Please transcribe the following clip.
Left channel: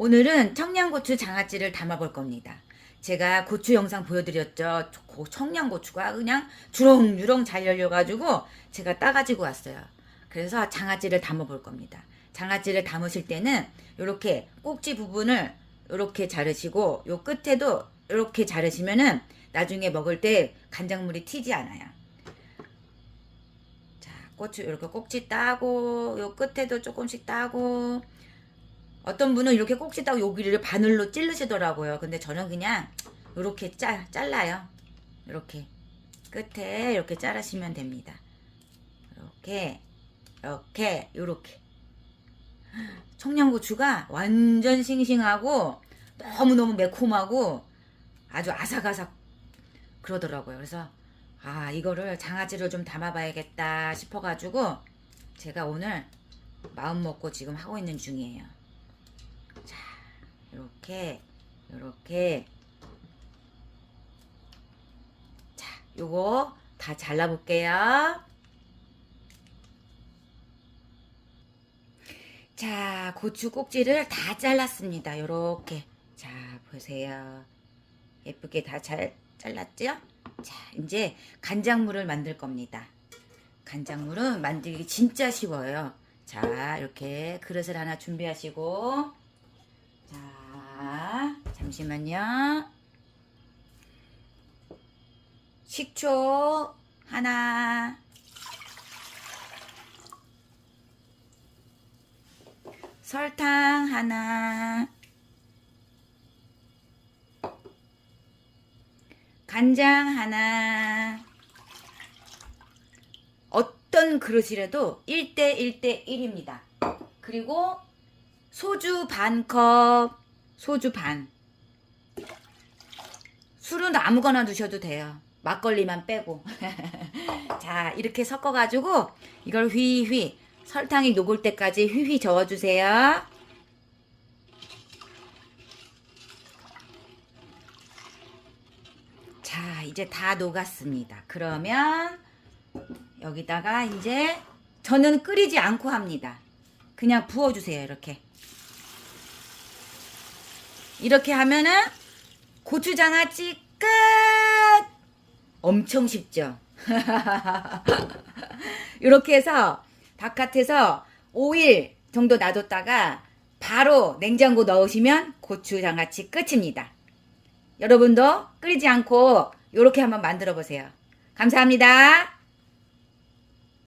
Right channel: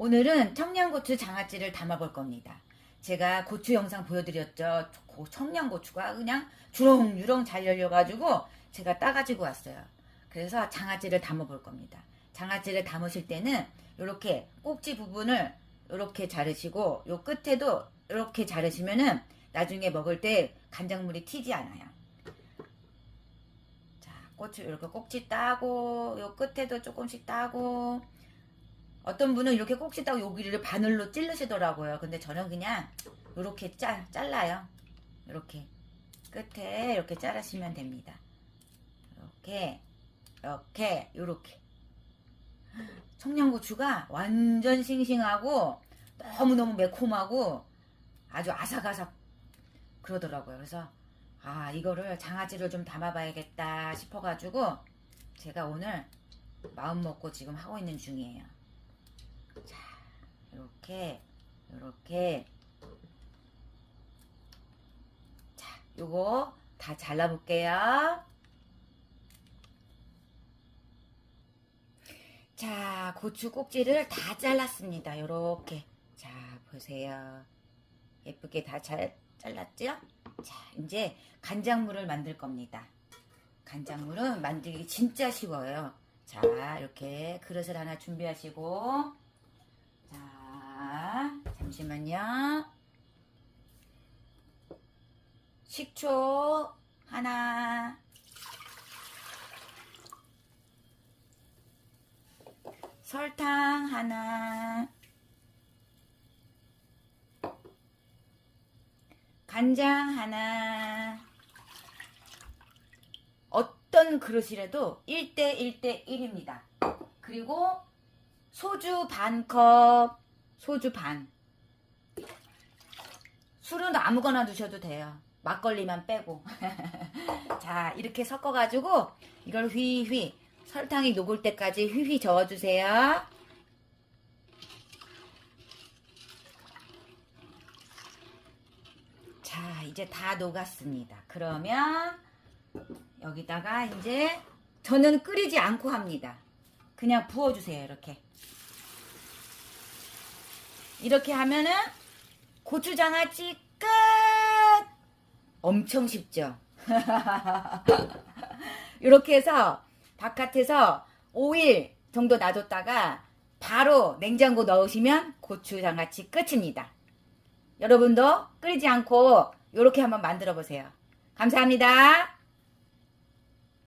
오늘은 청양고추 장아찌를 담아볼 겁니다. 제가 고추 영상 보여드렸죠. 고- 청양고추가 그냥 주렁주렁 잘 열려가지고 제가 따가지고 왔어요. 그래서 장아찌를 담아볼 겁니다. 장아찌를 담으실 때는 이렇게 꼭지 부분을 이렇게 자르시고 요 끝에도 이렇게 자르시면은 나중에 먹을 때 간장물이 튀지 않아요. 자, 고추 이렇게 꼭지 따고 요 끝에도 조금씩 따고 어떤 분은 이렇게 꼭지 따고 여기를 바늘로 찌르시더라고요. 근데 저는 그냥 이렇게 짜, 잘라요. 이렇게 끝에 이렇게 자르시면 됩니다. 이렇게 이렇게 이렇게 청양고추가 완전 싱싱하고 너무너무 매콤하고 아주 아삭아삭 그러더라고요. 그래서 아 이거를 장아찌를 좀 담아봐야겠다 싶어가지고 제가 오늘 마음 먹고 지금 하고 있는 중이에요. 자 이렇게 이렇게 자 요거 다 잘라 볼게요. 자, 고추 꼭지를 다 잘랐습니다. 요렇게. 자, 보세요. 예쁘게 다 잘 잘랐죠? 자, 이제 간장물을 만들 겁니다. 간장물은 만들기 진짜 쉬워요. 자, 이렇게 그릇을 하나 준비하시고, 자, 잠시만요. 식초 하나, 설탕 하나, 간장 하나, 어떤 그릇이라도 1대 1대 1입니다. 그리고 소주 반 컵, 소주 반. 술은 아무거나 드셔도 돼요. 막걸리만 빼고. 자, 이렇게 섞어가지고 이걸 휘휘 설탕이 녹을 때까지 휘휘 저어주세요. 자, 이제 다 녹았습니다. 그러면 여기다가 이제 저는 끓이지 않고 합니다. 그냥 부어주세요. 이렇게. 이렇게 하면은 고추장아찌 끝! 엄청 쉽죠? 이렇게 해서 바깥에서 5일 정도 놔뒀다가 바로 냉장고 넣으시면 고추장아찌 끝입니다. 여러분도 끓이지 않고 이렇게 한번 만들어 보세요. 감사합니다.